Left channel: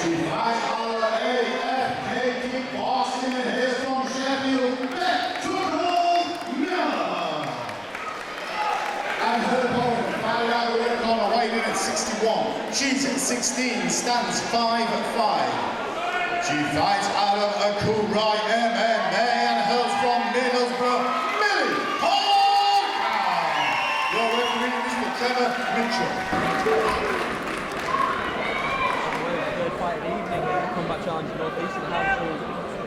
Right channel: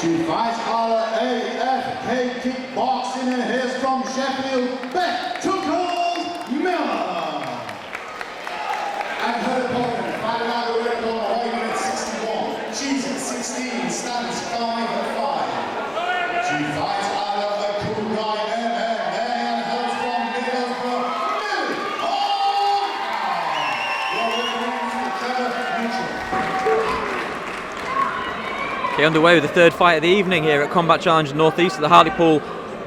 She fights our AFK kickboxing and hails from Sheffield, Beth Miller. And her opponent, fighting out the red corner, weighing in at 61. She's at 16, stands 5'5". She fights out of Akurai MMA and hails from Middlesbrough, Millie Horkan. Your referee is the Trevor Mitchell. Okay, underway with the third fight of the evening here at Combat Challenge North East at the Hartlepool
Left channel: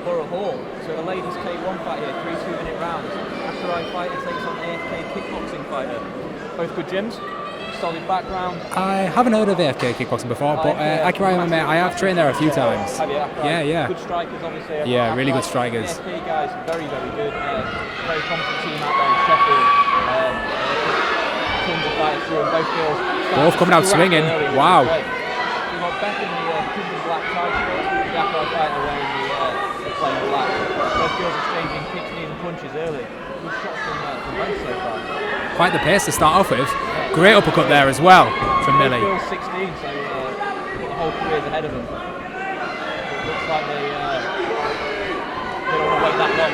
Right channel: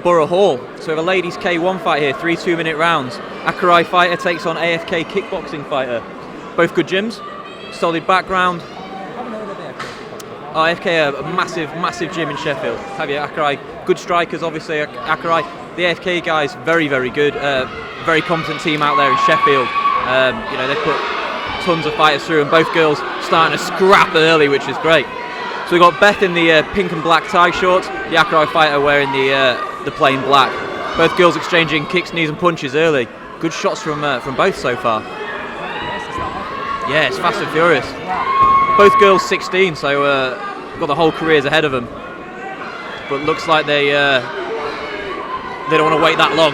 Borough Hall. So we have a ladies K1 fight here, 3 2-minute rounds. Akurai fighter takes on AFK kickboxing fighter. Both good gyms, solid background. I haven't heard of AFK kickboxing before. AFK, Akurai, massive there a few Sheffield. times. Have you? Akurai, Yeah. good strikers obviously. Yeah, Akurai, really good strikers. The AFK guys, very very very competent team out there in Sheffield. They put tons of fighters through, and both girls starting to scrap early, which is great. So we've got Beth in the pink and black tie shorts, the Akurai fighter wearing the plain black. Both girls exchanging kicks, knees and punches early. Good shots from both so far. Quite the pace to start off with. Yeah, it's great uppercut there as well. Both girls 16, so got the whole careers ahead of them. But it looks like they don't want to wait that long.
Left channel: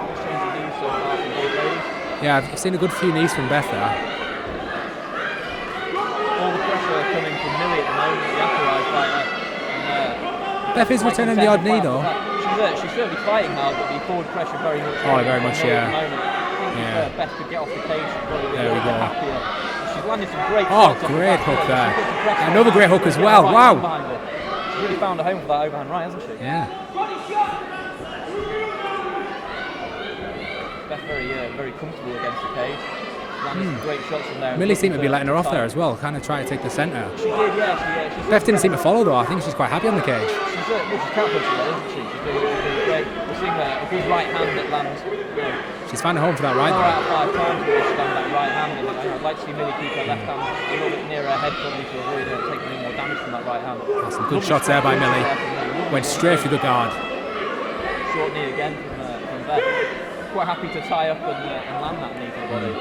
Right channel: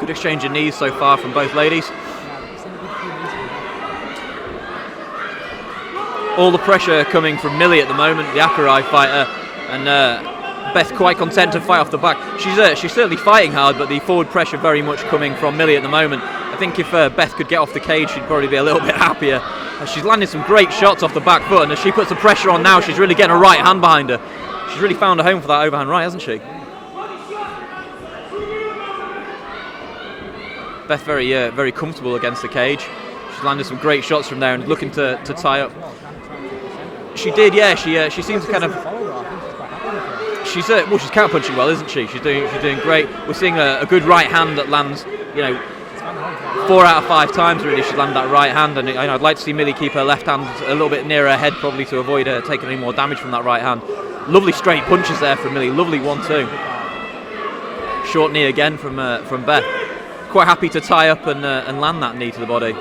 Good exchange of knees so far from both ladies. Yeah, I've seen a good few knees from Beth there. All the pressure coming from Millie at the moment, the Akurai fighter, and Beth quite content to fight off the back. She's certainly fighting hard, but the forward pressure very much coming from Millie at the moment. I think if Beth could get off the cage, she'd probably be a little bit happier. And she's landing some great shots off the back foot, and as she puts the pressure on now, she's really getting a right hand behind her. She's really found a home for that overhand right, hasn't she? Yeah. Beth very comfortable against the cage. She's landed some great shots from there and Millie looking to tie up as well. Kind of try to take the centre. She did, yeah. She seems Beth to didn't seem to follow though. I think she's quite happy on the cage. She's counter-punching well, isn't she? She's doing great. We're seeing a good right hand that lands. She's found a home for that right. 4 out of 5 times really she's landed that right hand, and I'd like to see Millie keep her left hand a little bit nearer her head, probably to avoid her taking any more damage from that right hand. Lovely straight punches there from Millie. Lovely 1-2. Straight for the guard. Short knee again from Beth. Quite happy to tie up and land that knee to the body.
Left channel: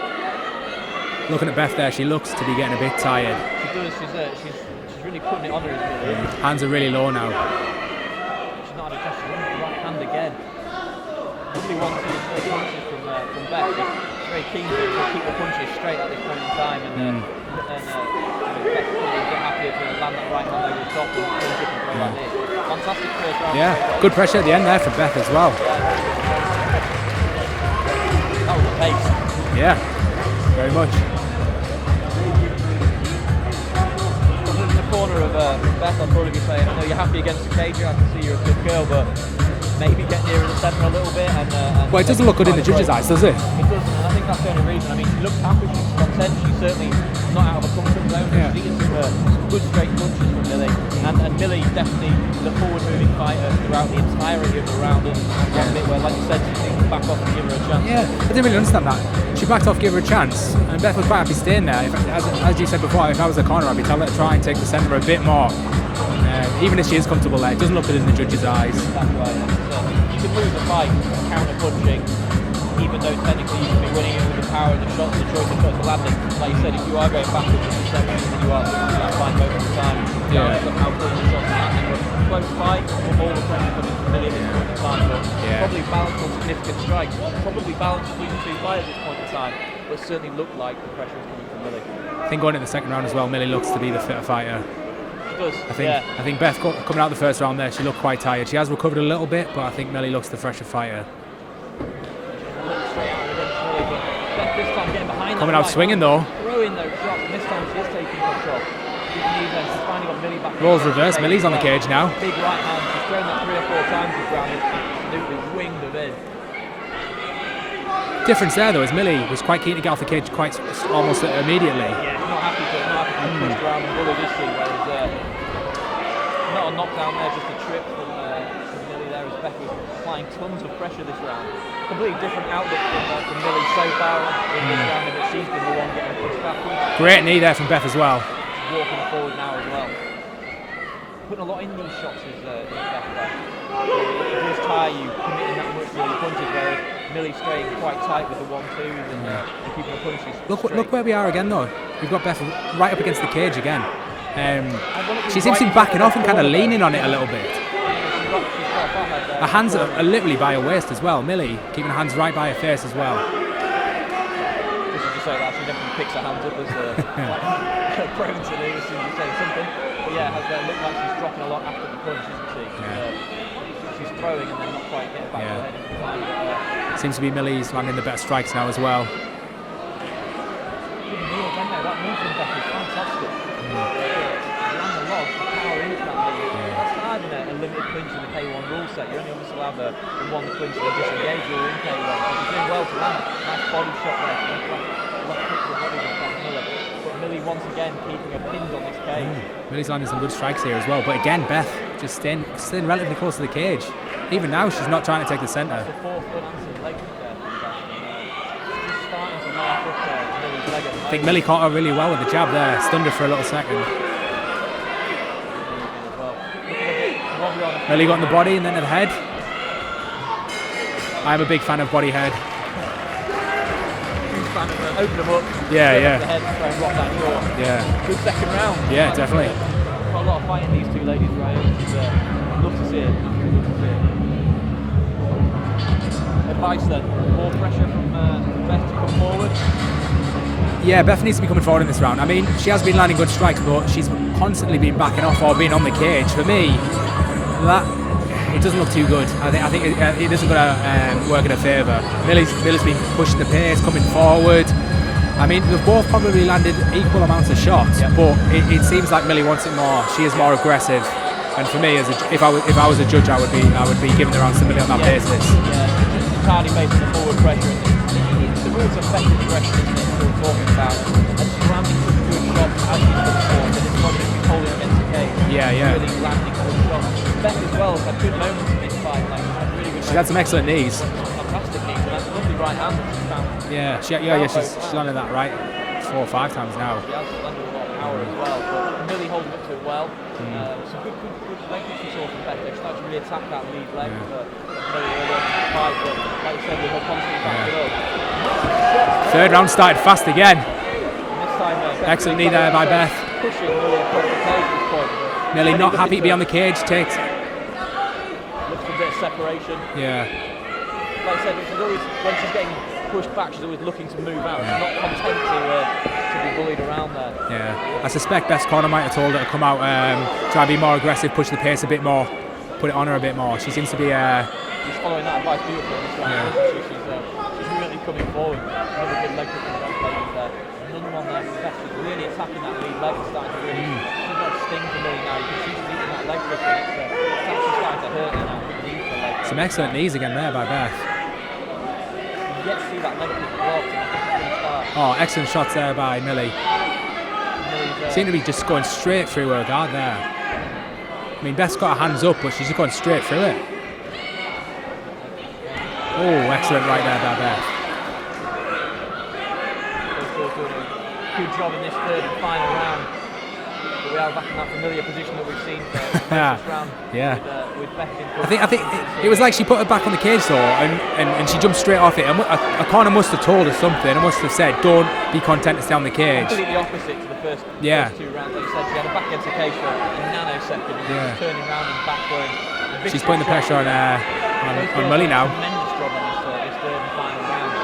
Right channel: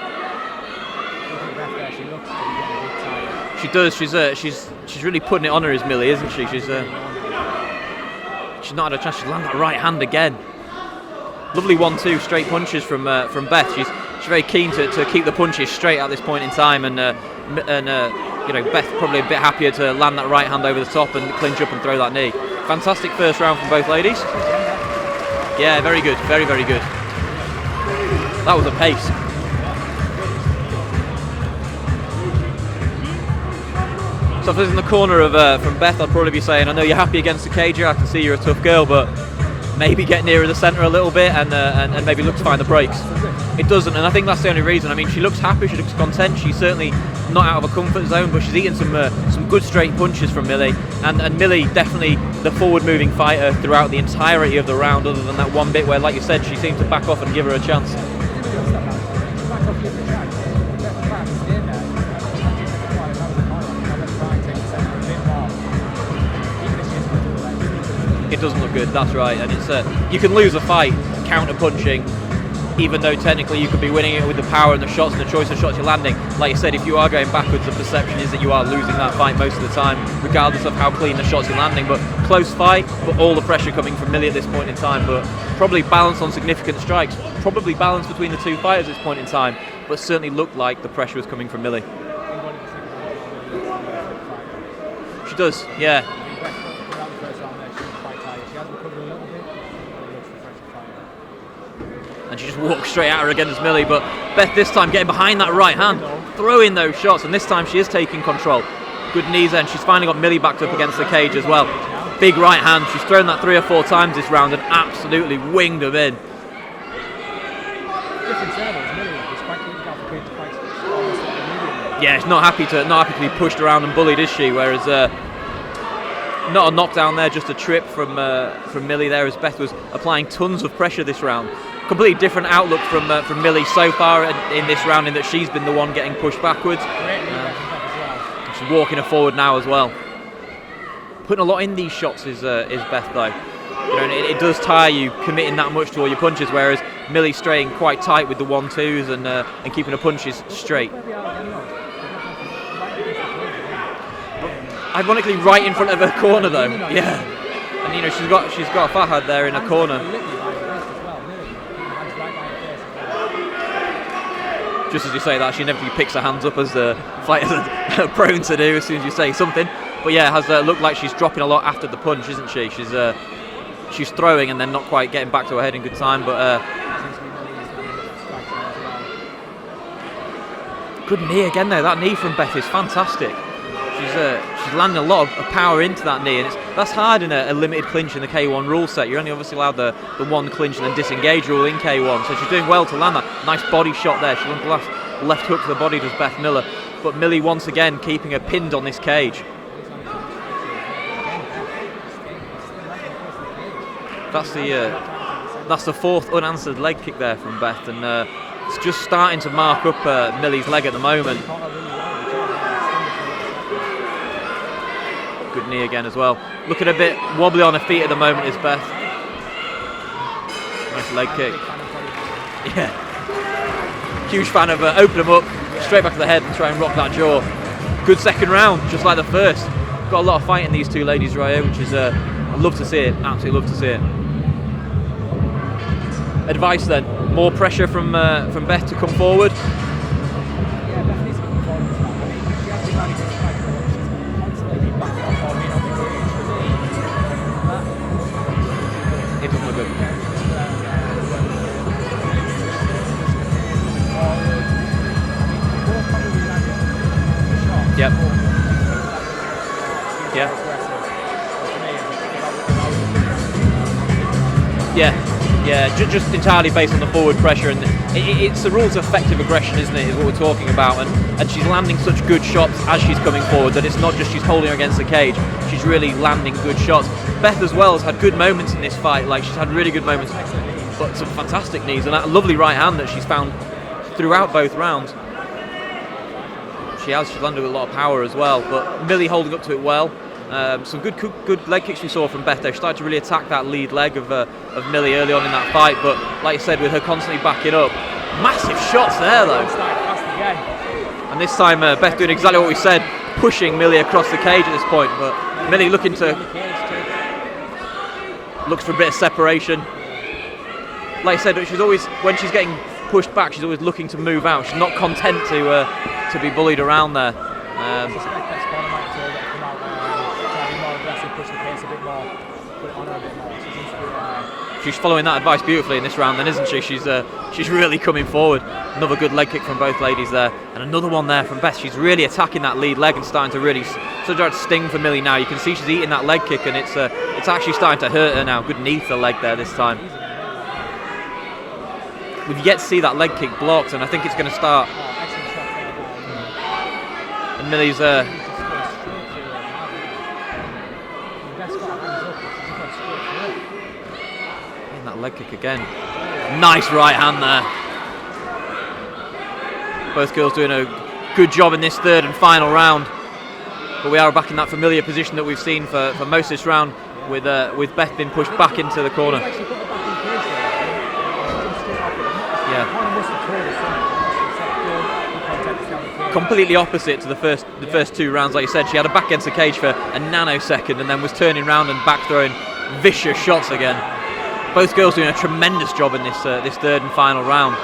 Looking at Beth there, she looks to be getting a bit tired. She does. She's really putting it on her, is Millie, isn't she? Hands are really low now. She's not had a chance. She's landed the right hand again. Lovely 1-2 straight punches from Beth. She's very keen to keep the punches straight at this point in time, and Beth probably a bit happier to land that right hand over the top and clinch up and throw that knee. Fantastic first round for both ladies. Good pressure at the end there for Beth as well. Yeah, very good, very good. That was a pace. Yeah, very much. So if I was in the corner of from Beth, I'd probably be saying, I know you're happy against the cage, I can see you're a tough girl, but maybe get nearer the centre a little bit and maybe look to find the break. Does it? It doesn't, and I think that's the only reason. I mean, she looks happy, she looks content, she's certainly not out of her comfort zone, but she's eating some good straight punches from Millie, and Millie definitely the forward-moving fighter throughout the entirety of the round, other than that one bit where, like you said, she seemed to back off and give her a chance. Yeah, I didn't really understand that. She backed off, give her a chance, and Beth was quite happy staying there. As you said before, if I was the corner, I'd be telling her to try and take the centre a bit more. Even if she is comfortable there, it doesn't look good in the judges' eyes. It doesn't look good, that's right, and it's you can lose a fight counter-punching, even though technically you could be winning it with the power and the shots, the choice of shots you're landing. Like you said, if you are going backwards, the perception is that you are losing that fight most of the time, regardless of how clean the shots you're landing. But close fight, but all the pressure coming from Millie at this point in time, but probably balanced on significant strikes, probably balanced between the two fighters at this point in time, but certainly looked like the pressure was coming from Millie. I think going into the second round as well, Millie looks to be the fitter fighter. She does, I think Beth coming out the first round there, she looked quite tired. She has recovered a little bit, but I think Millie looks the fresher fighter. And she just walks straight at her against Millie, but Beth this time getting behind that right hand, throwing those shots, and this time she is taking control. Good knees, and she's finally got Millie back up against the cage as well. Big right hand, she's thrown that 3 or 4 times this round and absolutely winged them in. Difference there though is Millie was quite keen to get off the cage quite almost immediately. Yeah, she's not happy to be pushed around and bullied, is she? Whereas not a knockdown there, just a trip from Millie there, as Beth was applying tons of pressure this round. Completely different outlook from Millie so far in this round, in that she's been the one getting pushed backwards. Great knee there from Beth as well. She's walking her forward now as well. Putting a lot in these shots is Beth though. It does tire you committing that much to all your punches, whereas Millie staying quite tight with the 1-2s and keeping her punches straight. Look where we are again though. We've got Beth right up against the cage again. Ironically, she's right in front of her and corner, leaning on it a little bit. And she's got a Fahad there Her in hands the corner. are literally by her waist as well. Millie keeping her hands right by her face as well. Just as you say that, she inevitably picks her hands up as fighters are prone to do as soon as you say something. But yeah, it has looked like she's dropping a lot after the punch, isn't she? She's throwing and then not quite getting back to her head in good time. But seems to be Millie's landing the better strikes now as well. Good knee again though. That knee from Beth is fantastic. She's landing a lot of power into that knee, and that's hard in a limited clinch in the K1 rule set. You're only obviously allowed the one clinch and the disengage rule in K1, so she's doing well to land that nice body shot there. She wants the left hook to the body, does Beth Miller, but Millie once again keeping her pinned on this cage. Millie's landing some good strikes here as well, but again Beth just staying relatively close to the cage. Even now she's not trying to take the centre. That's the fourth unanswered leg kick there from Beth, and it's just starting to mark up Millie's leg at the moment. Millie caught her really well with the jab there, stunned her for a little second. Good knee again as well. Looking a bit wobbly on her feet at the moment. Body and then her head. I'm a big fan of body head. Yeah. Huge fan of open them up, straight back to the head, try and rock that jaw. Yeah. Good second round, just like definitely. the first. Got a lot of fight in these two ladies right here, which is love to see it. Absolutely love to see it. Advice then, more pressure from Beth to come forward. Yeah, Beth needs to be coming forward in this round. I mean, she has been landing good strikes, but she's constantly been backing off or being on the cage. For me, it doesn't look too good. I think it isn't going to work in her favour. Millie's been pushing the pace, coming forward. I mean, they've both probably landed equal amounts of shots, but it seems like Millie wants it more. She is more aggressive. And for me, if I was a judge, I would be giving her on something on that basis. Yeah, just entirely based on the forward pressure, and it's the rules of effective aggression, isn't it? Is what we're talking about, and she's landing such good shots as she's coming forward that it's not just she's holding her against the cage. She's really landing good shots. Beth as well has had good moments in this fight. Like she's had really good moments. She's had some excellent knees, some fantastic knees, and that lovely right hand that she's found throughout both rounds. She's landed that right 4 or 5 times now. She's landed with a lot of power as well, but Millie holding up to it well. Some good leg kicks we saw from Beth there. She started to really attack that lead leg of Millie early on in that fight, but like you said, with her constantly backing up, massive shots there. Third round started fast again. And this time Beth doing exactly what we said, pushing Millie across the cage at this point, but Millie not happy to be on the cage, looks for a bit of separation. Yeah. Like I said, she's always, when she's getting pushed back, she's always looking to move out. She's not content to be bullied around there. Yeah. I suspect Beth's corner might have told her to come out, try to be more aggressive, push the pace a bit more, put it on her a bit more. She seems to be. She's following that advice beautifully in this round, then, isn't she? She's really coming forward. Another good leg kick from both ladies there, and another one there from Beth. She's really attacking that lead leg and starting to really start to sting for Millie now. You can see she's eating that leg kick, and it's actually starting to hurt her now. Good knee to the leg there. Some excellent knees again there by Beth. We've yet to see that leg kick blocked, and I think it's going to start. Oh, excellent shots there by Millie. Millie's seems to be just going straight through her guard there. I mean, Beth's got her hands up, but she's just going straight through it. That leg kick again. Oh, nice right hand there. Both girls doing a good job in this third and final round. But we are back in that familiar position that we've seen for most of this round, with Beth being pushed back into the corner. It was like she put her back on the cage though, and she jumped straight off it. A corner must have told her something. It must have said, "Don't be content to stay on the cage." Completely opposite to the first 2 rounds, like you said. She had her back against the cage for a nanosecond, and then was turning around and back throwing vicious shots again. Both girls doing a tremendous job in this third and final round.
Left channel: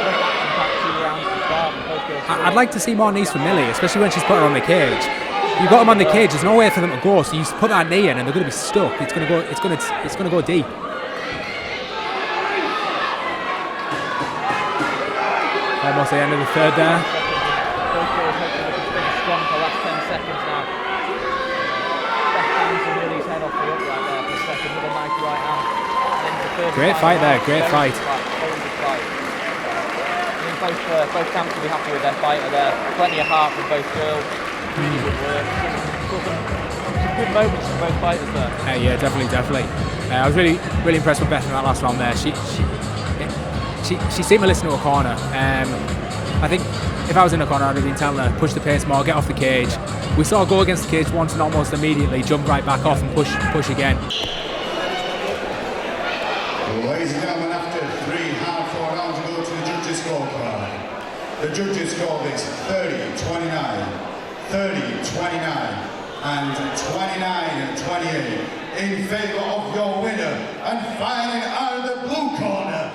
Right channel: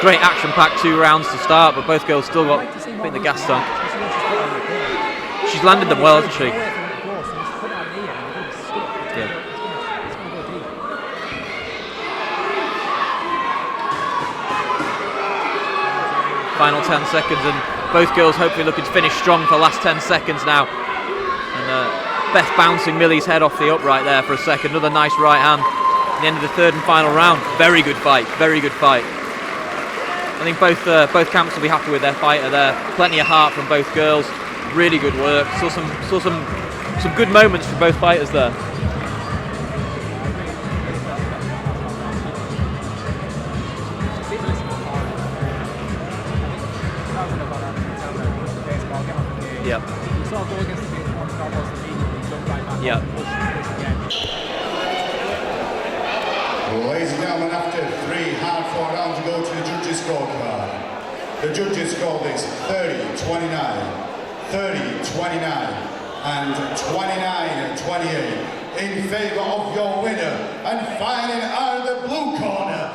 Great action-packed 2 rounds to start, but both girls still. I'd like to see more knees from Millie, especially when she's put her on the cage. She's got them on the well, cage. There's nowhere for them to go, so you put that knee in, and they're going to be stuck. It's going to go. It's going to go deep. Almost the end of the third. Final 10 seconds, and both girls hopefully looking to finish strong for the last 10 seconds now. And, Beth bouncing Millie's head off the upright there for a second. Another nice right hand. At the end of the third and final round. Very good fight. Very good fight. I think both camps will be happy with their fighter there. Plenty of heart from both girls. Really good work. Saw some good moments for both fighters there. Yeah, definitely. I was really impressed with Beth in that last round there. She seemed to listen to her corner. I think if I was in the corner, I'd have been telling her push the pace more, get off the cage. We saw her go against the cage once and almost immediately jump right back off and push again. Ladies and gentlemen, after 3 hard-fought rounds to go to the judges' scorecard. The judges scored this 30-29, 30-29, and 29-28 in favour of your winner and fighting out of the blue corner,